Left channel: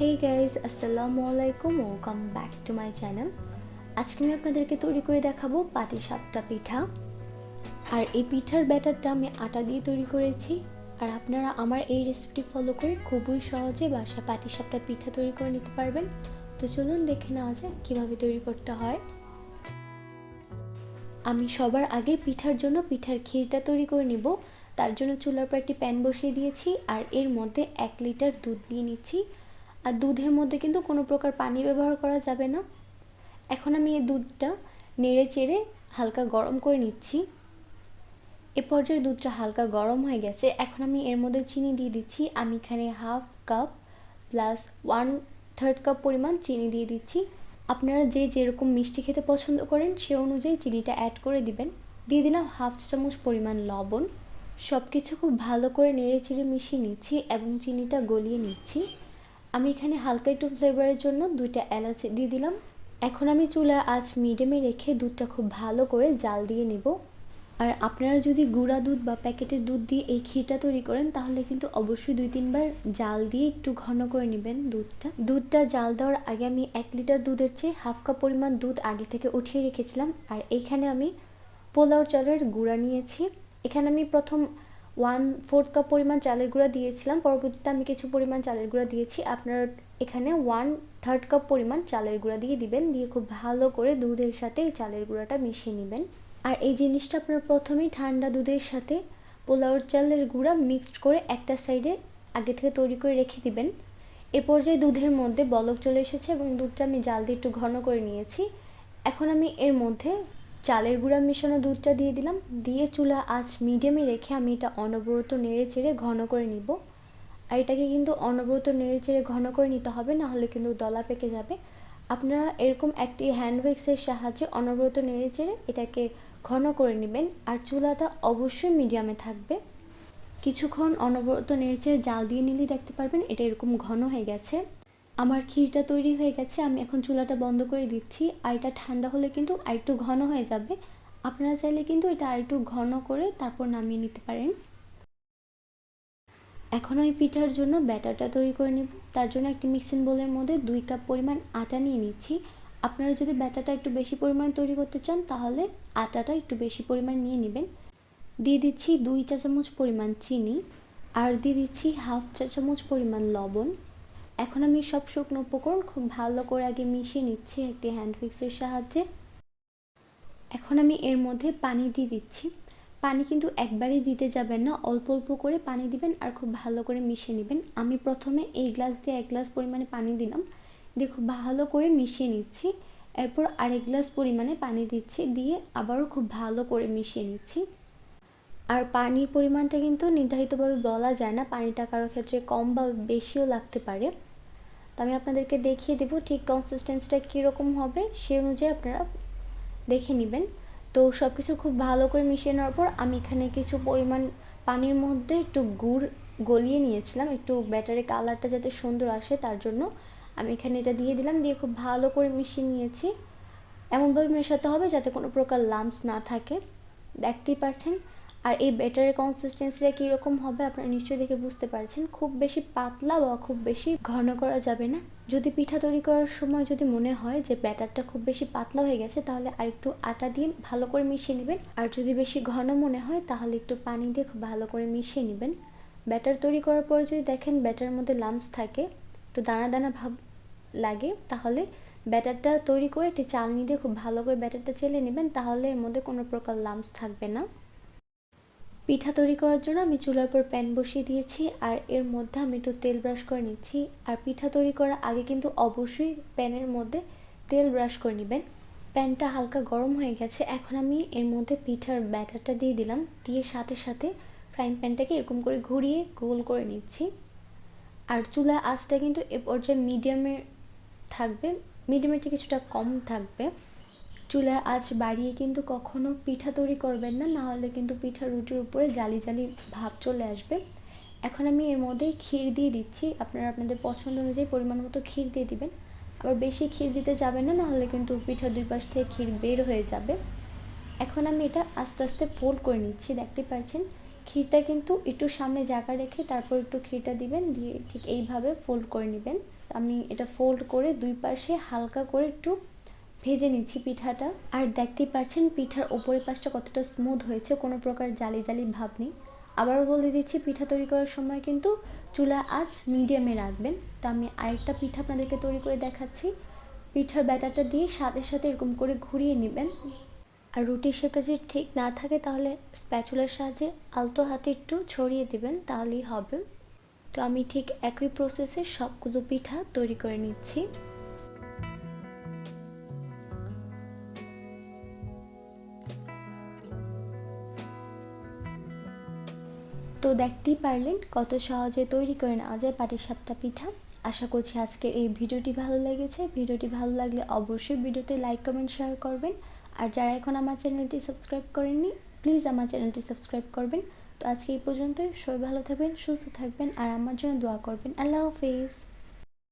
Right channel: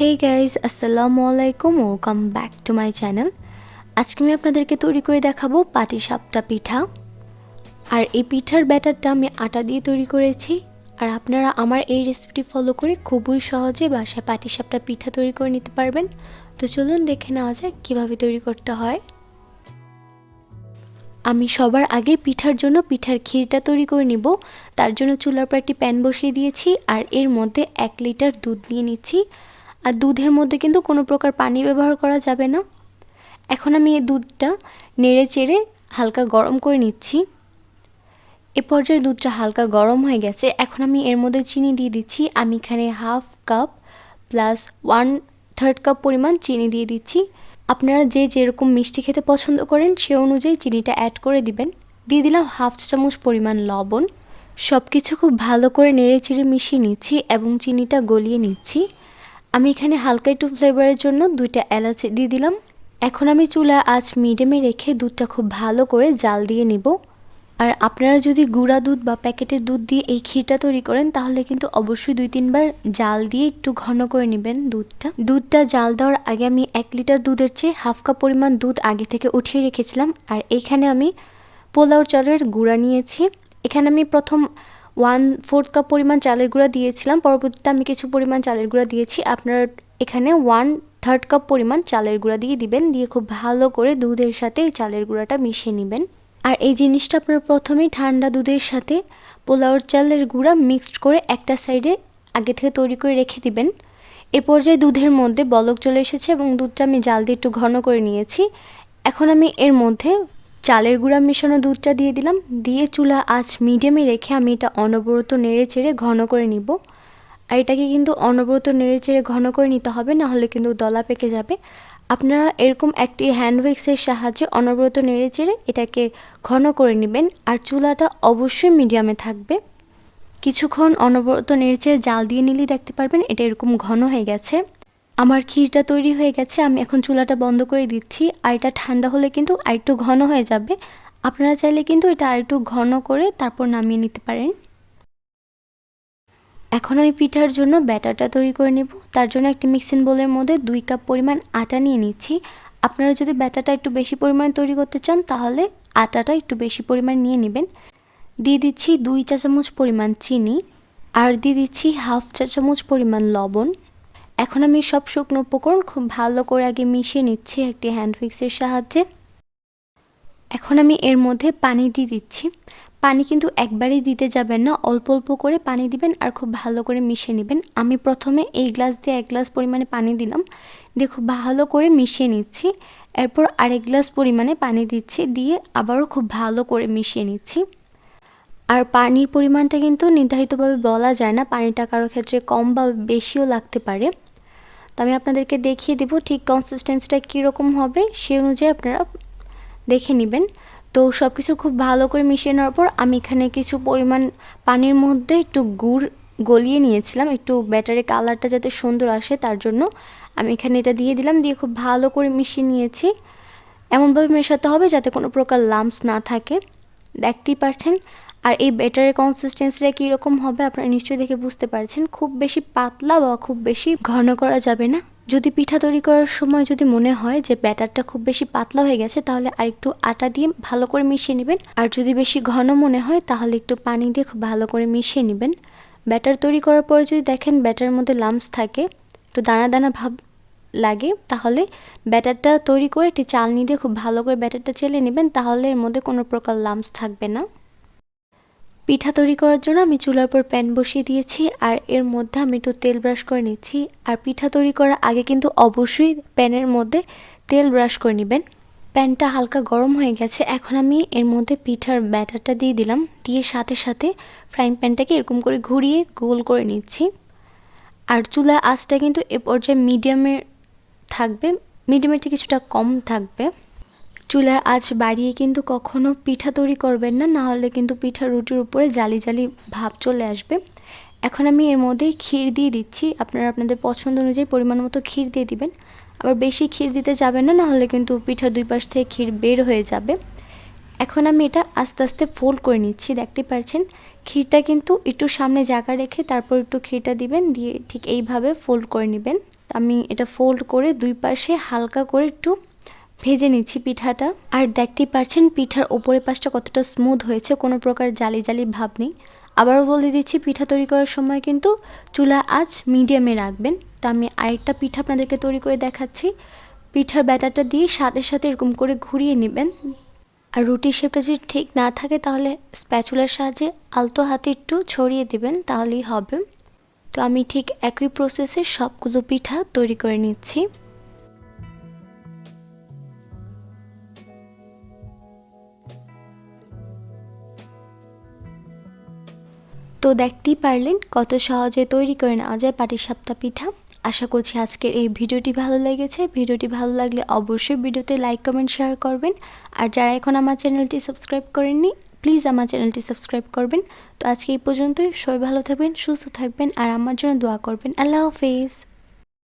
Hey guys, আসসালামু আলাইকুম, welcome back to my channel. আজকে আমি আপনাদেরকে তৈরি করে দেখাবো পাটিসাপটা পিঠা। আর এই পিঠার ব্যাটারটা আমি আটা দিয়ে তৈরি করেছি। আর আপনারা আমার এই রেসিপিটি ফলো করে খুবই সহজে বাসায় পাটিসাপটা পিঠা তৈরি করে নিতে পারবেন। তো চলুন দেখে নেওয়া যাক কীভাবে তৈরি করতে হয়। আমি সবার আগে পিঠার জন্য পিঠার ক্ষীরটা তৈরি করে নিব। তার জন্য চুলার পর একটি প্যান বসিয়ে দিয়েছি আর এর মধ্যে 1 লিটার দুধ নিয়ে নিচ্ছি। আর দুধের মধ্যে কিন্তু কোনো প্রকার পানি ব্যবহার করা যাবে না। এখন আমি এই দুধটা নেড়ে চেড়ে হালকা গরম করে নিচ্ছি। এ পর্যায়ে দুধটা হালকা গরম হয়ে গেছে। এখন আমি এর মধ্যে চিনি দিয়ে দিচ্ছি। আমি এখানে 1/2 কাপ প্লাস 1/3 কাপ পরিমাণ চিনি দিয়ে দিচ্ছি। আপনারা যে যেরকম মিষ্টি খেতে পছন্দ করেন সে অনুযায়ী চিনিটা অ্যাড করে দিবেন। দিয়ে দিলাম 1/2 চা চামচ পরিমাণ লবণ। সব কিছু খুব ভালো করে নেড়ে চেড়ে মিশিয়ে নিচ্ছি এবং চিনিটা গলিয়ে নিচ্ছি। আমি এখানে হালকা একটু ফ্লেভারের জন্য 2টা এলাচ দিয়ে দিলাম। এখন আমি চুলার আঁচ মিডিয়ামে রেখে দুধটা খুব ভালো করে জাল দিয়ে নিব। আর আপনারা যদি গুঁড়া দুধ বা প্যাকেটের দুধ দিয়ে এই ক্ষীরটা তৈরি করেন তাহলে কিন্তু অবশ্যই 2-3 বার জাল দিয়ে একটু ঘন করে নেবেন দুধটা জাল দেওয়ার আগে আমি 1 লিটার দুধের চেয়ে 1/2 কাপ পরিমাণ দুধ আগে থেকে উঠিয়ে রেখেছিলাম। আর এইখানে আমি পোলাও চালের গুঁড়া নিয়েছি। এখানে আমি প্রথম 1/4 কাপ পরিমাণ চালের গুঁড়া দিয়েছিলাম, পরবর্তীতে আমি কিছু পরিমাণ চালের গুঁড়া দিয়েছি। আপনারা এখানে 1/3 কাপ পরিমাণ চালের গুঁড়া দিয়ে দিবেন। দিয়ে খুব ভালো করে দুধের সাথে এই চালের গুঁড়াটা মিশিয়ে নেবেন। আর এই জিনিসটা আপনারা প্রথমেই ঠান্ডা দুধের সাথে পোলাওর চালের গুঁড়া মিক্সড করে একটা সাইডে আগে থেকে তৈরি করে রেখে দিবেন। এ পর্যায়ে দুধের মধ্যে বলক চলে এসেছে এবং দুধটা আমি জাল দিয়ে একটু ঘন করে নিয়েছি। এখন আমি এর মধ্যে চালের গুঁড়া মেশানো দুধটা দিয়ে দিলাম। দিয়ে চুলা আঁচ মিডিয়ামে রেখে আমি এটা অনবরত নেড়ে চেড়ে ঘন করে নিব। আর এটাকে কিন্তু অনবরত নেড়ে চেড়ে ঘন করে নিতে হবে, না হলে কিন্তু দলা পেকে যাবে। আপনারা এরকম একটি হ্যান্ড উইক্সের সাহায্যে অনবরত নেড়ে চেড়ে এটাকে ঘন করে নেবেন। আর চুলাটা অবশ্যই মিডিয়ামে থাকবে। কিছুক্ষণ অনবরত নেড়ে চেড়ে জাল দিয়ে নিলেই দেখতে পারবেন এটা এরকম ঘন হয়ে গেছে। আমার ক্ষীরটা তৈরি হয়ে গেছে। আমি এখন চুলাটা বন্ধ করে দিচ্ছি। আর এটা ঠান্ডা হলে কিন্তু আরেকটু ঘন হয়ে যাবে। আপনারা চাইলে কিন্তু এটা আরেকটু ঘন করে তারপর নামিয়ে নিতে পারেন। এখন আমি পিঠার জন্য ব্যাটারটা তৈরি করে নেব। তার জন্য একটি মিক্সিং বোলের মধ্যে 2 কাপ পরিমাণ আটা নিয়ে নিচ্ছি। আপনারা যদি ব্যাটারটা একটু বেশি পরিমাণ তৈরি করতে চান তাহলে আটাটা একটু বেশি পরিমাণ নিয়ে নেবেন। দিয়ে দিচ্ছি 2 চা চামচ পরিমাণ চিনি আর দিয়ে দিচ্ছি 1/2 চা চামচ পরিমাণ লবণ। এখন আমি সব শুকনো উপকরণ খুব ভালো করে আগে মিশিয়ে নিচ্ছি একটি হ্যান্ড উইক্সের সাহায্যে। এখন আমি এর মধ্যে পানি দিয়ে দিচ্ছি। পানি কিন্তু একবারেই দিতে যাবেন না, অল্প অল্প করে পানি দিবেন আর খুব ভালো করে মিশিয়ে নেবেন। আমি প্রথমে এই গ্লাস দিয়ে 1 গ্লাস পরিমাণে পানি দিলাম, দিয়ে খুব ভালো করে মিশিয়ে নিচ্ছি। এরপর আরেক গ্লাস পরিমাণে পানি দিচ্ছি, দিয়ে আবারও খুব ভালো করে মিশিয়ে নিচ্ছি। আর পানির পরিমাণটা কিন্তু নির্ধারিতভাবে বলা যায় না, পানিটা কারো ক্ষেত্রে কম বা বেশিও লাগতে পারে। তো আমি আপনাদেরকে দেখিয়ে দেব ঠিক কনসিস্টেন্সিটা কীরকম হবে, সেই অনুযায়ী আপনারা দেখে নেবেন। তো সব কিছু খুব ভালো করে মিশিয়ে নেওয়ার পর আমি এখানে কিছু পরিমাণ পানির মধ্যে একটু গুড় গলিয়ে নিয়েছিলাম, একটু ব্যাটারের কালারটা যাতে সুন্দর আসে তার জন্য আমি এখানে এটা দিয়ে দিলাম। দিয়ে খুব ভালো করে মিশিয়ে নিয়েছি। এমনভাবে মেশাতে হবে যাতে কোনো প্রকার লাম্পস না থাকে, দেখতেই পাচ্ছেন। আর এই ব্যাটারের কনসিস্টেন্সিটা কীরকম হবে আপনারা নিশ্চয়ই দেখে বুঝতে পারছেন। খুব বেশি পাতলা বা খুব বেশি ঘন করা যাবে না। যদি পিঠা তৈরি করার সময় যদি মনে হয় যে ব্যাটারটা খুব বেশি পাতলা হয়ে গেছে তাহলে আরেকটু আটা দিয়ে ভালো করে মিশিয়ে নেবেন। আর যদি বেশি ঘন মনে হয় তাহলে একটু পানি দিয়ে খুব ভালো করে মিশিয়ে নেবেন। ব্যাটার তৈরি করার পরে যদি দেখেন ব্যাটারের মধ্যে লাম্পস থাকে, একটু দানা দানা ভাব লাগে, তাহলে ব্যাটারটা তৈরি করে একটি চালনি দিয়ে খুব ভালো করে ব্যাটারটা চেলে নেবেন, তাহলে এর মধ্যে কোনো প্রকার লাম্পস থাকবে না। পিঠা তৈরি করার জন্য আমি চুলার উপর প্যান বসিয়ে দিয়েছি আর এর মধ্যে আমি একটু তেল ব্রাশ করে নিচ্ছি। আর পিঠা তৈরি করার আগে কিন্তু অবশ্যই প্যানের মধ্যে তেল ব্রাশ করে নেবেন। প্যানটা হালকা গরম হয়ে গেছে। এখন আমি এর মধ্যে পিঠার ব্যাটারটা দিয়ে দিলাম। দিয়ে সাথে সাথে ফ্রাইং প্যানটাকে এরকম করে ঘুরিয়ে গোল করে নিচ্ছি। আর চুলার আঁচটা কিন্তু এ পর্যায়ে মিডিয়ামে থাকবে, মিডিয়ামের থেকে কিছুটা কম থাকবে। চুলার আঁচ বাড়িয়ে কিন্তু কখনো পিঠা তৈরি করবেন না, না হলে কিন্তু পিঠা রুটির উপরে জালি জালি ভাব চলে আসবে। এখন আমি এর মধ্যে ক্ষীর দিয়ে দিচ্ছি। আপনারা আপনাদের পছন্দ অনুযায়ী পরিমাণ মতো ক্ষীর দিয়ে দিবেন। আবার বেশি ক্ষীর দিতে যাবেন না, না হলে কিন্তু পিঠার 2 পাশ থেকে ক্ষীর বের হয়ে যাবে। এখন আমি এটা আস্তে আস্তে ফোল্ড করে নিচ্ছি, দেখতে পাচ্ছেন ক্ষীরটা কিন্তু একটু সামনে জায়গা রেখে তারপর একটু ক্ষীরটা দিবেন, দিয়ে ঠিক এইভাবে ফোল্ড করে নেবেন। আমি এটা ফোল্ড করে দুই পাশে হালকা করে একটু ভেজে নিচ্ছি পিঠাটা। আর দেখতেই পাচ্ছেন পিঠার ওপরের পাশটা কতটা স্মুথ হয়েছে, কোনো প্রকার জালি জালি ভাব নেই। আবারও বলে দিচ্ছি, পিঠা তৈরি করার সময় কিন্তু চুলা আঁচ মিডিয়ামে রাখবেন। তো আমি আরেকটা পিঠা আপনাদেরকে তৈরি করে দেখাচ্ছি। পিঠার ব্যাটারটা দিয়ে সাথে সাথে এরকম করে ঘুরিয়ে নেবেন। আর রুটির শেপটা যদি ঠিক না থাকে তাহলে স্প্যাচুলার সাহায্যে আলতো হাতে একটু ছড়িয়ে দিবেন, তাহলেই হবে। তো আমি ঠিক একই প্রসেসে সবগুলো পিঠা তৈরি করে নিচ্ছি। তো দেখতেই পারলেন কত সহজে তৈরি করে নেওয়া যায় পাটিসাপটা পিঠা। আশা করছি আজকের এই ভিডিওটি ভালো লেগেছে। ভিডিওটি ভালো লাগলে অবশ্যই ভিডিওতে লাইক কমেন্ট শেয়ার করবেন। আর যারা এখন আমার চ্যানেলটি সাবস্ক্রাইব করেননি প্লিজ আমার চ্যানেলটি সাবস্ক্রাইব করবেন। তো আজকে এই পর্যন্তই। সবাই ভালো থাকবেন, সুস্থ থাকবেন আর আমার জন্য দোয়া করবেন। আল্লাহ হাফেজ।